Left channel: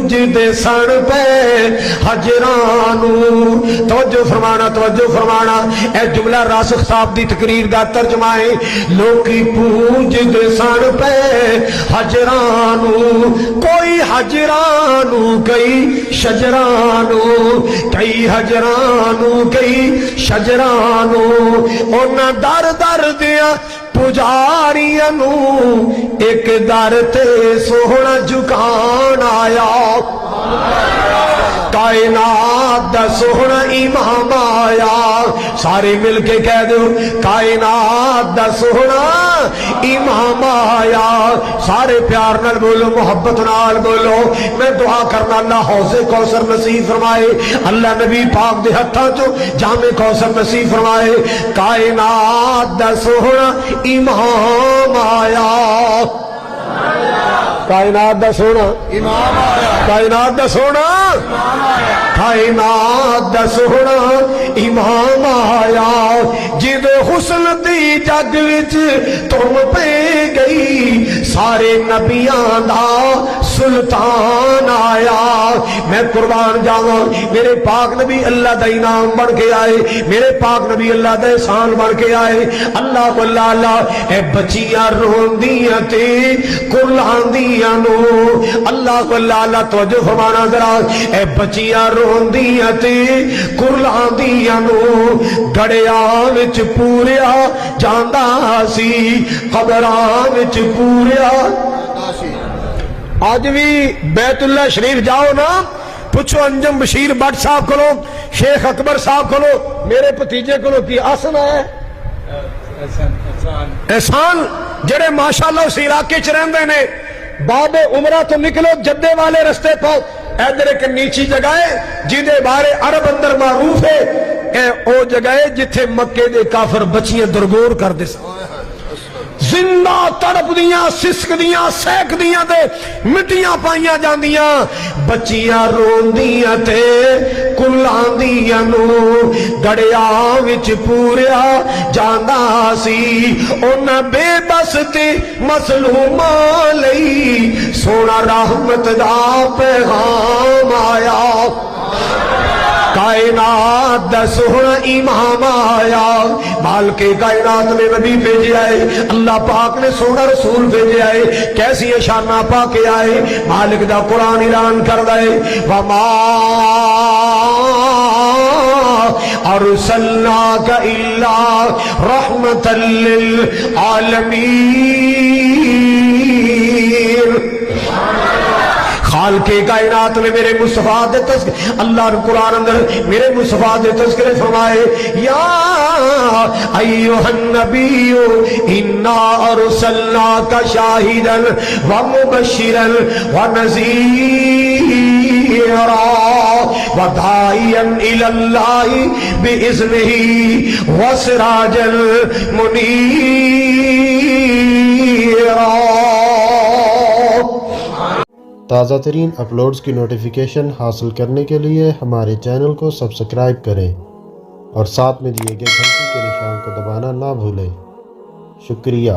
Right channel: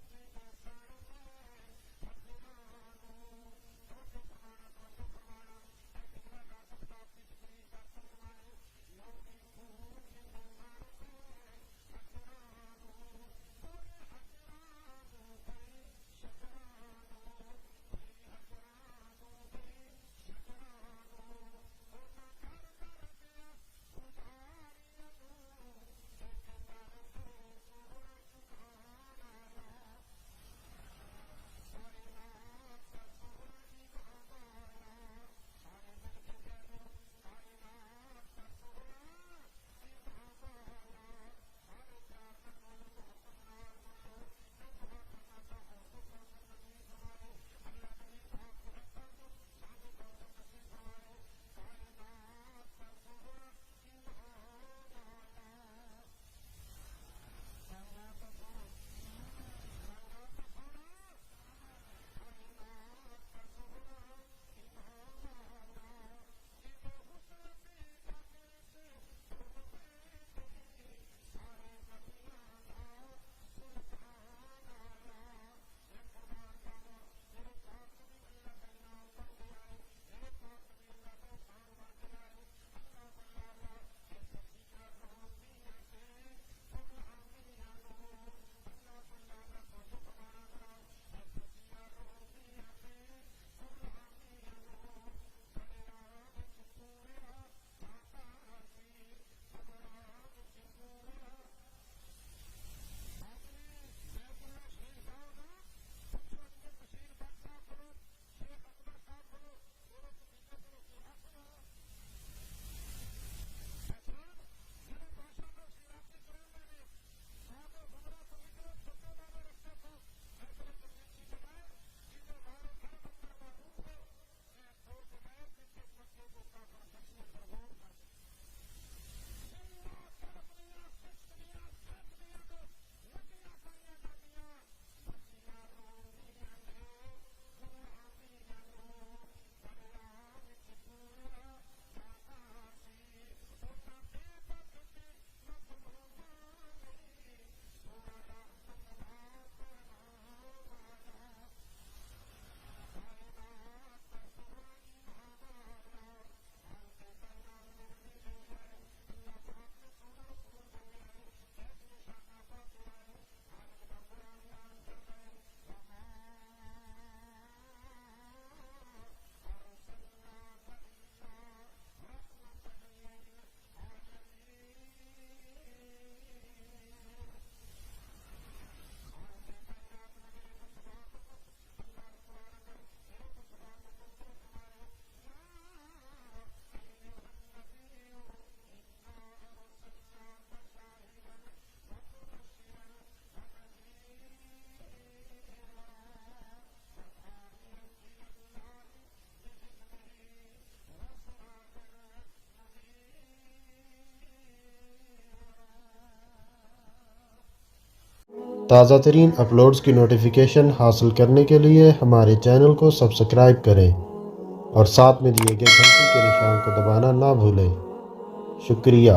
पूजदे सन पे हजरानू। तवज्जो फरमाना ए जुमला रासिख साहब दी तकरीर दा तर्जमा है। लोकी पूजदे सन पे हजरानू, कोई हजरानू कई शजरानू, कई हजरानू कई शजरानू। उन्हां दर दर दिया पुजारियां नू एक दर ते सोहना झुकान आया। कायनात दा सोहना इमाम आया। सारे मिल के कह दो कायनात दा सोहना इमाम आया। सारे प्यार नाल बोलो, मोहब्बत नाल बोलो। मैं दुआ करना अल्लाह हौज़े कौसर नसीब फरमाए, अल्लाह नबी पाक दे हत्थां चो जामे कौसर नसीब फरमाए। कायनात दा सोहना इमाम आया। कायनात दा सोहना इमाम आया। कायनात दा सोहना कायनात दा सोहना इमाम आया। जिदे हुस्न दी जग विच तुम पे गई, सारे नबियां दा सुल्तान आया। मैं कुर्बान जावा, मेरे पाक नबी अल्लाह दा इनाम बन के आए, मेरे पाक नबी अल्लाह दा एहसान बन के आए। अल्लाह को अल्लाह ए बच्चियां रोंदियां ते कुर्लांदियां नो, अल्लाह को अल्लाह तवज्जो फरमाना जरा। ए बच्चियां रोंदियां ते कुर्लांदियां नो, गड़िया विच पूरिया जांदा सी, कबरां विच पूरिया। आज भी बैतुल्ला शरीफ जाओ ना, पूछो अंजम बशीर भट्ट साहब को, शेख अकबर साहब को, मेरे भतीजे को की आसन है एहसान, जड़े माशाअल्लाह उस इलाके च रहंदे ने। बाबे उमरा तो निकलो जद्दे वाले रस्ते पर, इधर एक नीची जगह है जिदे बारे अरब अंदर मारूफ है। ए ओ जगह है जिथे मक्के दे काफर बच्चियां दरगोर करदे सन, जिंदा तड़पदियां सिसकदियां सहकदियां ते मिट्टियां पाइयां जांदियां। बच्चियां रोंदियां ते कुल्लांदियां नू, गड़िया विच पूरिया जांदा सी। उन्हां बेबस ते मसलूमां लई सोना रहमत दा पैगाम आया। कायनात दा सोहना इमाम आया। मालिक कायनात ने नबी भेजे आए, अल्लाह पाक ने सोना रसूल भेजे आए। कैसी शाना पा के आए, मालिक दा कुरान ऐलान करदा है, वमा अरसलनाका इल्ला रहमतल लिल आलमीन। खालिक़े कायनात ने मेरे मुस्तफा दे तज़किरे, अल्लाह ने कुरान अंदर मेरे मुस्तफा दे तज़किरे फरमाए, या अय्युहन नबिय्यु इन्ना अरसलनाका शाहिदन व मुबश्शिरन व नज़ीरा व दाइयन इलल्लाहि बिइज़्निही व सिराजल मुनीरा। ताज़ा तरीन अपलोड्स की नोटिफिकेशन हासिल करने के लिए हमारे चैनल को सब्सक्राइब करें और साथ में दिए गए घंटी के निशान को दबाना ना भूलें। शुक्रिया।